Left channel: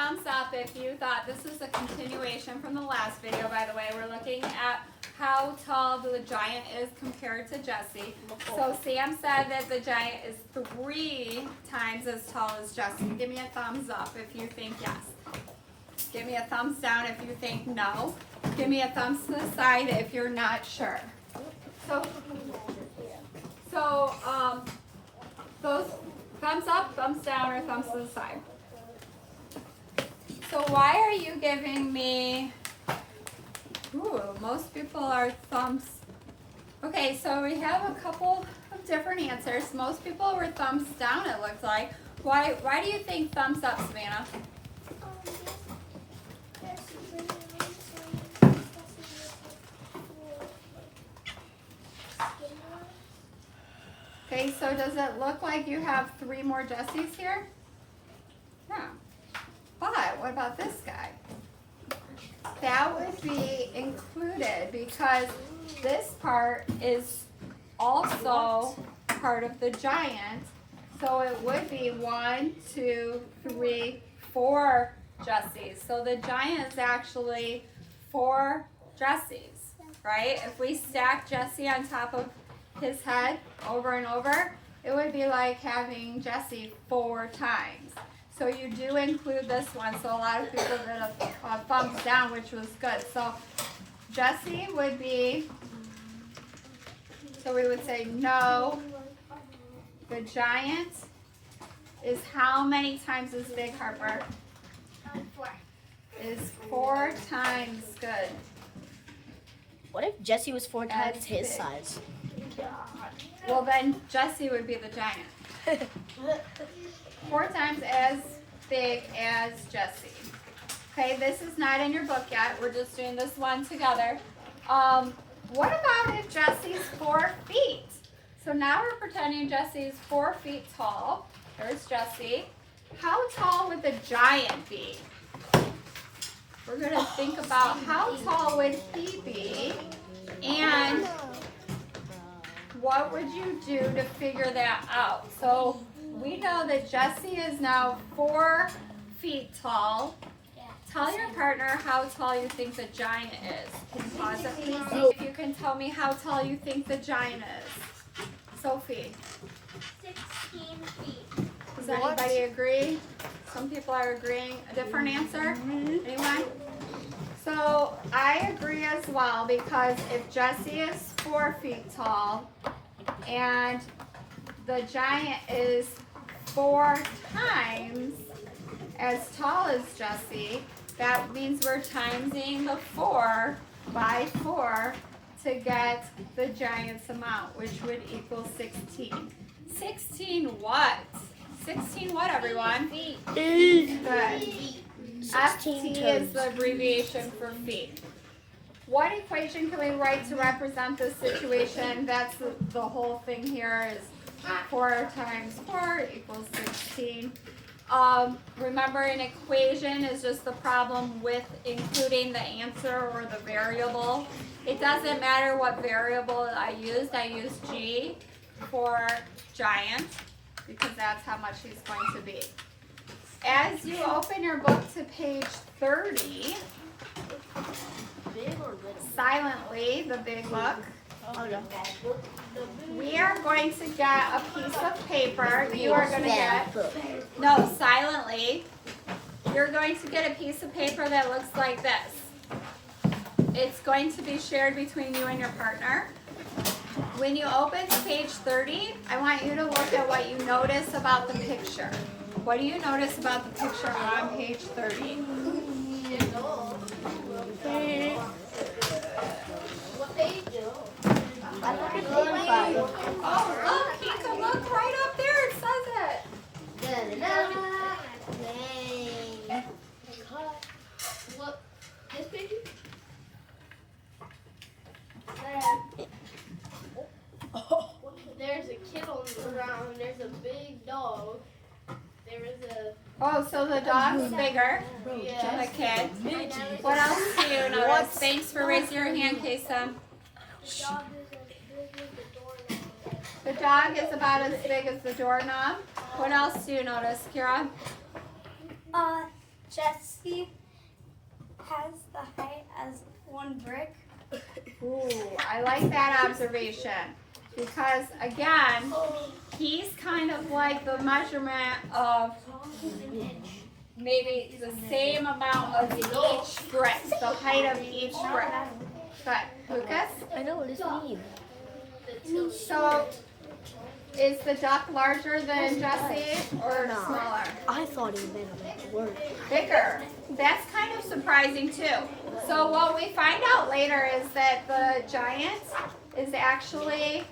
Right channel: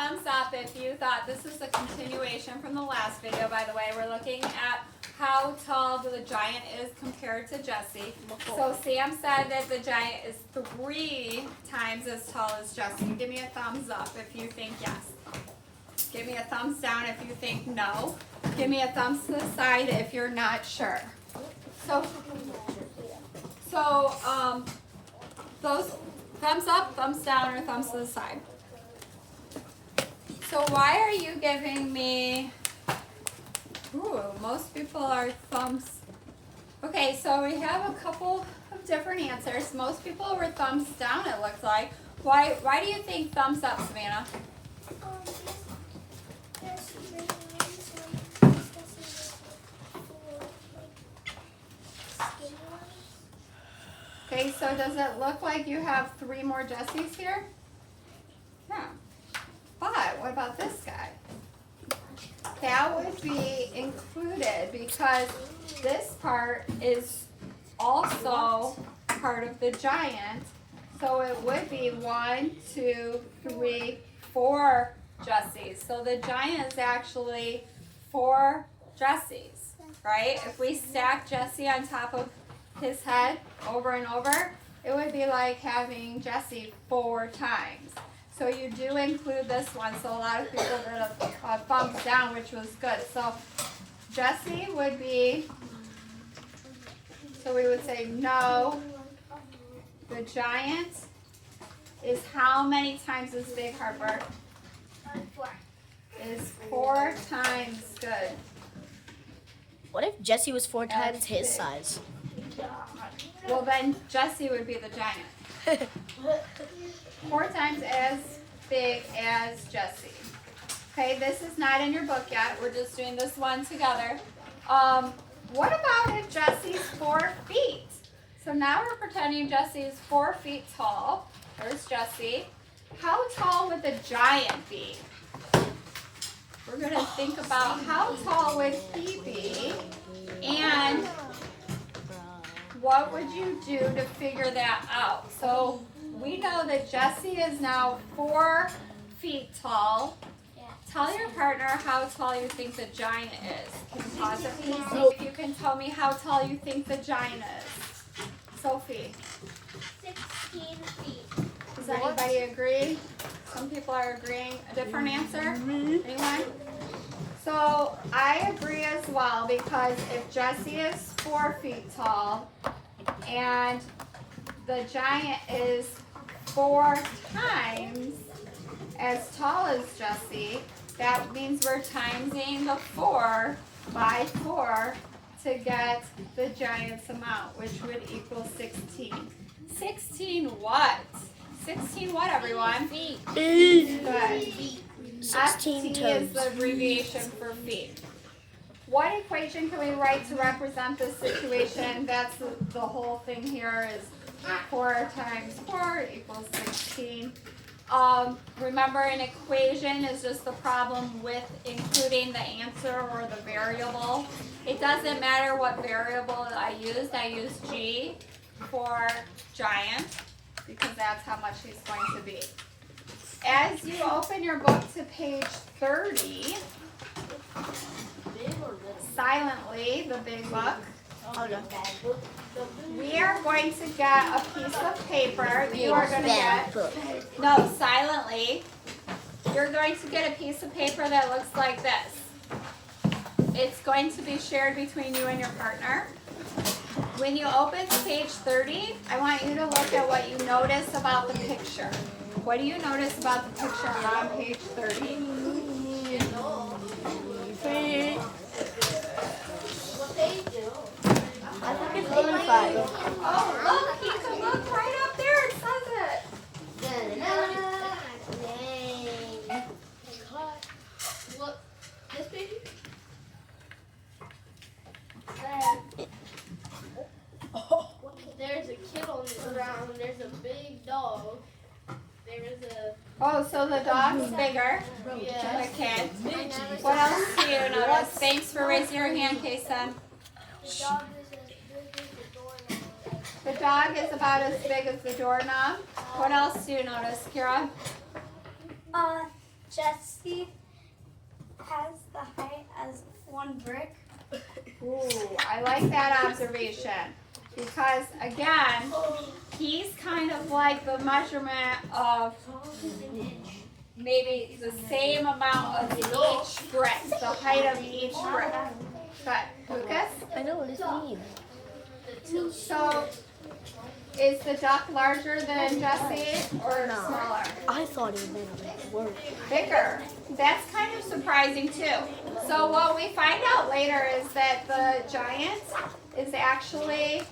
thumbs up if you thought this is a continuation from the last video. By the way, we're looking at how tall the giant is compared to Jesse. So Sam said that the giant is 3 times as tall as Jesse. Give me a thumbs up if you think yes. Give me a thumbs down if you think no. Give me a thumbs to the side if you're not sure. So those thumbs up, thumbs down, or thumbs to the side. So why are you giving me, most people are thumbs. Okay, so we have a couple of different answers. Most people were thumbs down, it looks like. Why do you think thumbs up, Savannah? Okay, so does it look like you have 3 more Jessies here? Yeah. But what about this guy? That would be included because this part is also part of the giant. So it would be 1, 2, 3, 4 Jessies. So the giant is actually 4 Jessies, right? If we stack Jesse on top of his head over and over, it would be like having Jesse 4 times. So you do include this one. So a lot of people did a thumbs down, which was good. So Jesse would be, so we would say no. The giant is how many times as big, Harper? 4. Is 4 times good. What if Jesse was 4 times his big. size? Well, then Jesse would be the giant. 4 times as big as Jesse. Okay, this is not in your book yet. We're just doing this one together. What about if Jesse's 4 feet? So now we're pretending Jesse is 4 feet tall. There's Jesse. How tall would the giant be? We're going to think about how tall would he be, and what would you do to figure that out? So we know that Jesse is now 4 feet tall. Tell your partner how tall you think the giant is. Can you pause it, please? See if you can tell me how tall you think the giant is. Sophie. 16 feet. Does anybody agree? Some people are agreeing. A different answer? Anyone? So I agree as well, because if Jesse is 4 feet tall and the giant is 4 times as tall as Jesse, that means we're timesing the 4 by 4 to get the giant's amount, which would equal 16. 16 what? 16 what, everyone? Feet. Good. 16 FT is toes. the abbreviation for feet. What equation can we write to represent this situation? That's the whole thing here is 4 times 4 equals 16. Remember, an equation is just the problem with including the answer or the variable. It doesn't matter what variable I used. I used G for giant because that's how much he's going to be. As you open your book to page 30, silently, the big book, we are going to get a piece of paper. You are going to get, no, silently, you're going to get a piece of paper that looks like this. It's going to be shared between you and your partner. When you open to page 30, I want you to look at what you notice about the picture. What do you notice about the picture on page 30? What they do. Oh, look, you can look right up there. It says it. What? This picture? There's a kid on the ground. There's a big dog. There is a. Oh, so the dog's bigger than Yeah. the kid. What else do you notice? Thanks for raising your hand, Kason. The dog is about as big as the doorknob. What else do you notice, Kira? Jesse has the height as one brick. Ooh, I like that observation. Because again, he's kind of like the measurement of maybe the same amount of each brick, the height of each brick. But Lucas, I know what this means. so is the duck larger than Jesse or No. smaller? I thought it meant like a word. Bigger. That's kind of surprising too. So what we find out later is that the giant is actually,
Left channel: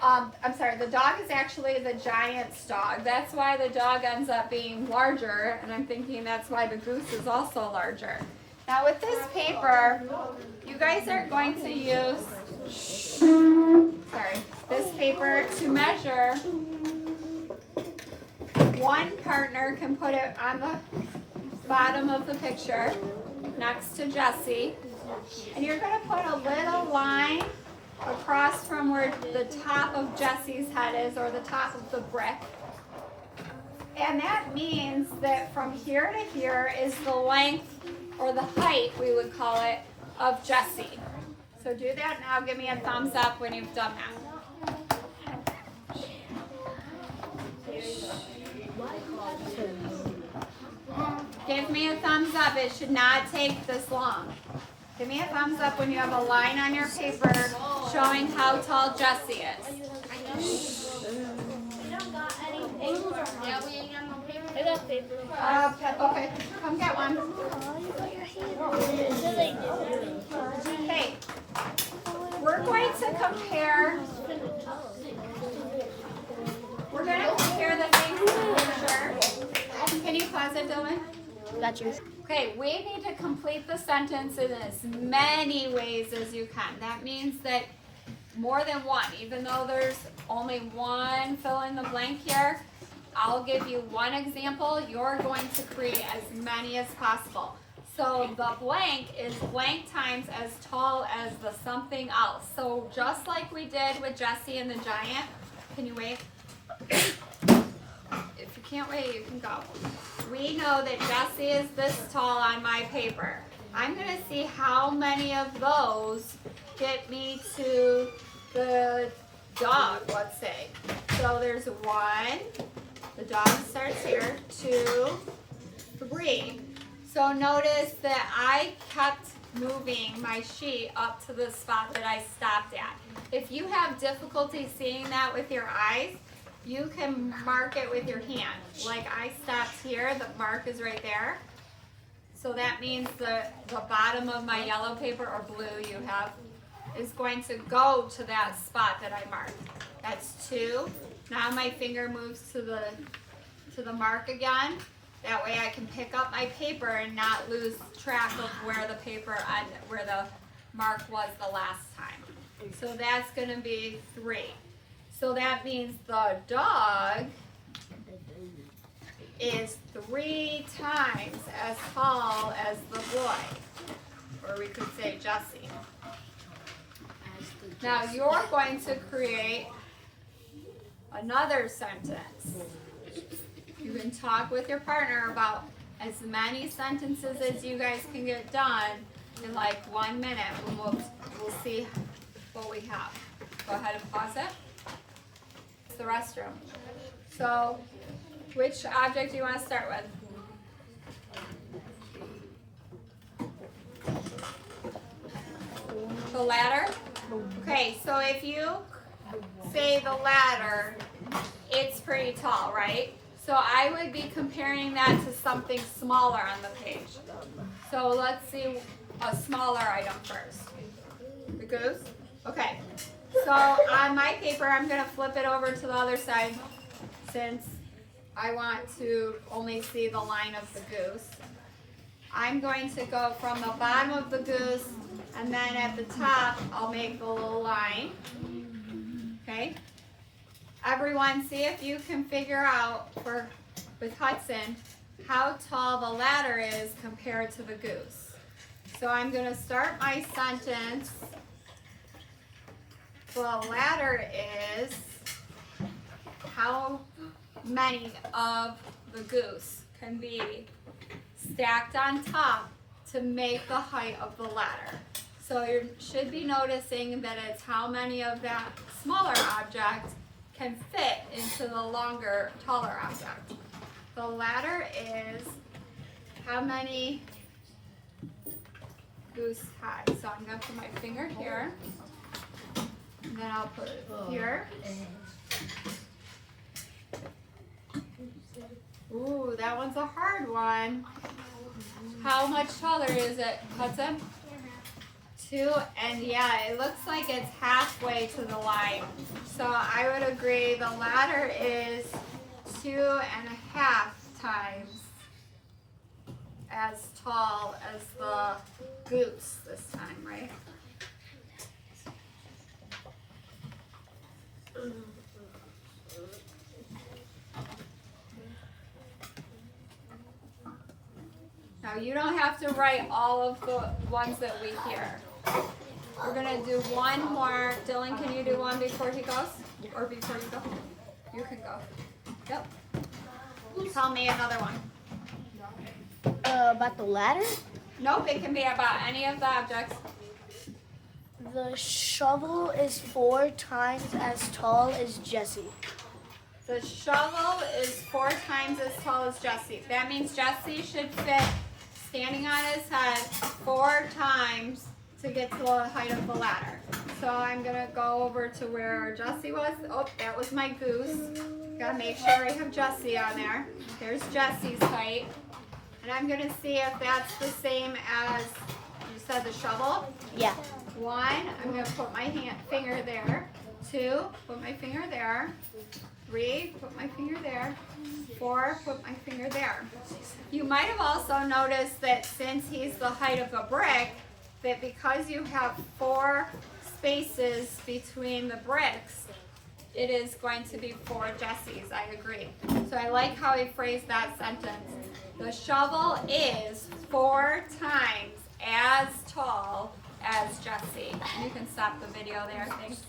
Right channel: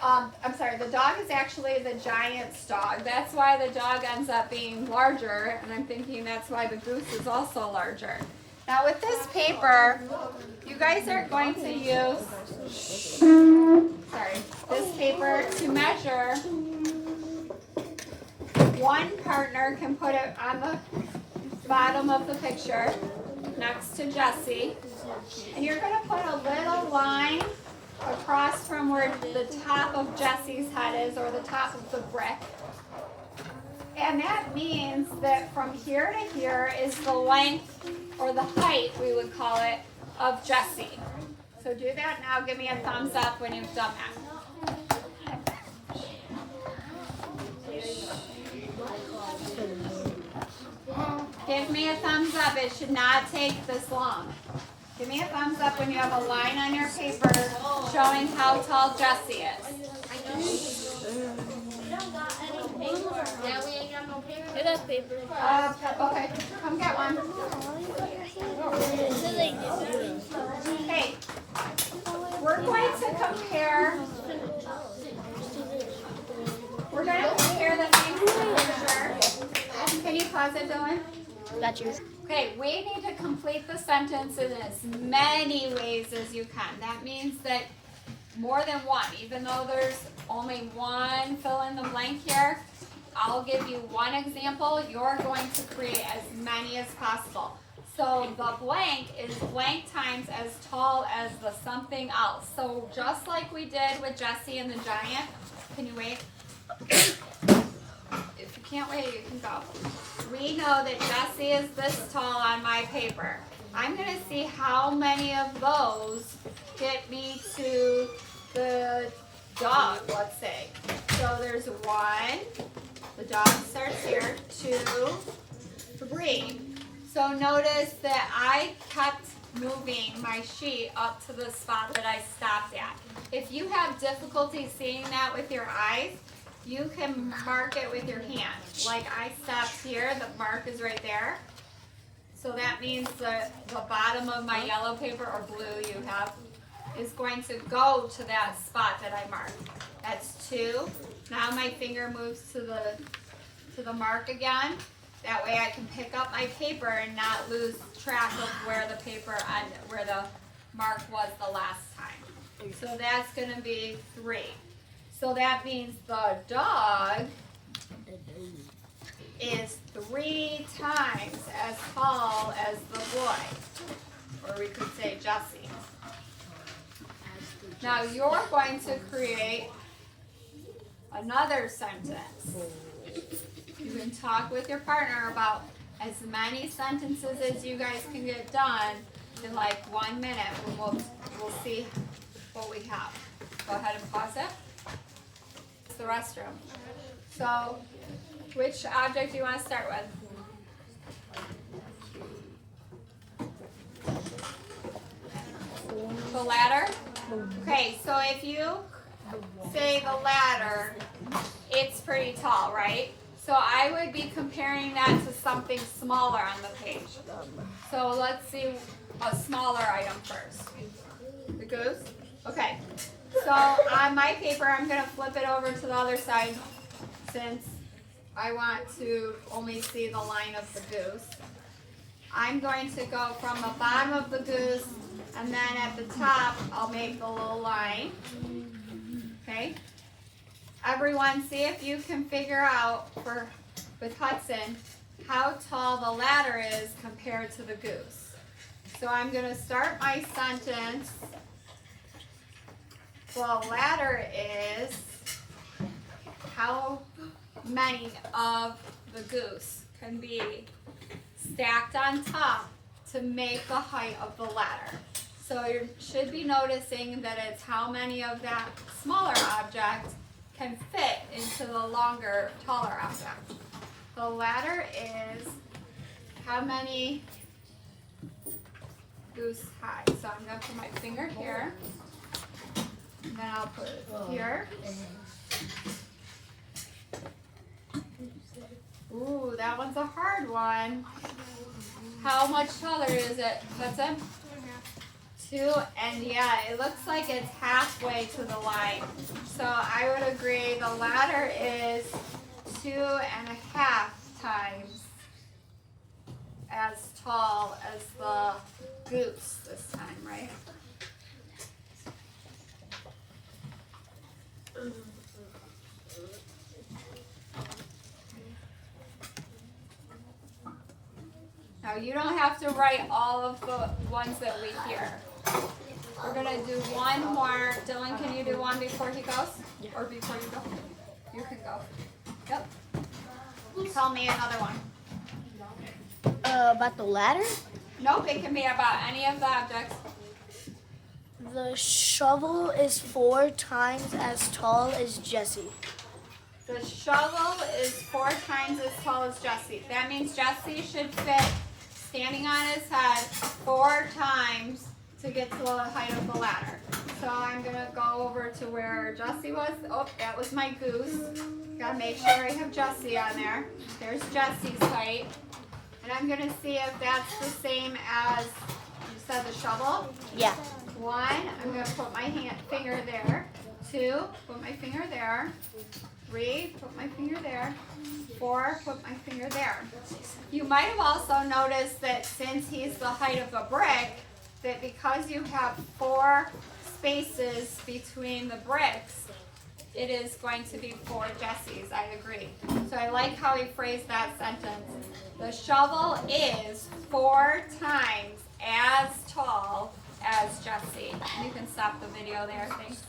the dog is actually the giant's dog. That's why the dog ends up being larger, and I'm thinking that's why the goose is also larger. Now with this paper, you guys are going to use, this paper to measure. One partner can put it on the bottom of the picture next to Jesse, and you're going to put a little line across from where the top of Jesse's head is, or the top of the brick. And that means that from here to here is the length, or the height, we would call it, of Jesse. So do that now. Give me a thumbs up when you've done that. Give me a thumbs up. It should not take this long. Give me a thumbs up when you have a line on your paper showing how tall Jesse is. I don't got any paper. Yeah, we ain't got no paper. Get that paper. Okay, come get one. Oh, you got your hand. Hey, we're going to compare. We're going to compare the things in the picture. Can you pause it, Dylan? Got yours. Okay, we need to complete the sentence in as many ways as you can. That means that more than one, even though there's only one fill in the blank here, I'll give you one example. You're going to create as many as possible. So the blank is blank times as tall as the something else. So just like we did with Jesse and the giant, can you wait? If you can't wait, you can go. We know that Jesse is this tall on my paper. I'm going to see how many of those get me to the dog, let's say. So there's 1, the dog starts here, 2, 3. So notice that I kept moving my sheet up to the spot that I stopped at. If you have difficulty seeing that with your eyes, you can mark it with your hand. Like I stopped here, the mark is right there. So that means the bottom of my yellow paper or blue you have is going to go to that spot that I marked. That's 2. Now my finger moves to the mark again. That way I can pick up my paper and not lose track of where the paper ended, where the mark was the last time. So that's going to be 3. So that means the dog is 3 times as tall as the boy. Or we could say Jesse. Now you're going to create another sentence. You can talk with your partner about as many sentences as you guys can get done in like 1 minute, and we'll see what we have. Go ahead and pause it. It's the restroom. So, which object do you want to start with? The ladder? Okay, so if you say the ladder, it's pretty tall, right? So I would be comparing that to something smaller on the page. So let's see a smaller item first. The goose? Okay. So on my paper, I'm going to flip it over to the other side since I want to only see the line of the goose. I'm going to go from the bottom of the goose, and then at the top, I'll make the little line. Okay? Everyone, see if you can figure out, with Hudson, how tall the ladder is compared to the goose. So I'm going to start my sentence. The ladder is how many of the goose can be stacked on top to make the height of the ladder. So you should be noticing that it's how many of that smaller object can fit into the longer, taller object. The ladder is how many goose high. So I'm going to put my finger here, and then I'll put it here. Ooh, that one's a hard one. How much taller is it, Hudson? 2, and yeah, it looks like it's halfway to the line. So I would agree the ladder is 2.5 times as tall as the goose this time, right? Now you don't have to write all of the ones that we hear. We're gonna do one more. Dylan, can you do one before he goes? Or before you go? You can go. Yep. Tell me another one. About the ladder? Nope, it can be about any of the objects. The shovel is 4 times as tall as Jesse. The shovel is 4 times as tall as Jesse. That means Jesse should fit standing on his head 4 times to get to the height of the ladder. So I'm gonna go over to where Jesse was. Oh, that was my goose. Gotta make sure I have Jesse on there. There's Jesse's height. And I'm gonna see if that's the same as, you said, the shovel. Yeah. 1, I'm gonna put my finger there. 2, put my finger there. 3, put my finger there. 4, put my finger there. You might have also noticed that since he's the height of a brick, that because you have 4 spaces between the bricks, it is going to be 4 Jessies. I agree. So I like how he phrased that sentence. The shovel is 4 times as tall as Jesse. You can stop the video there, thanks.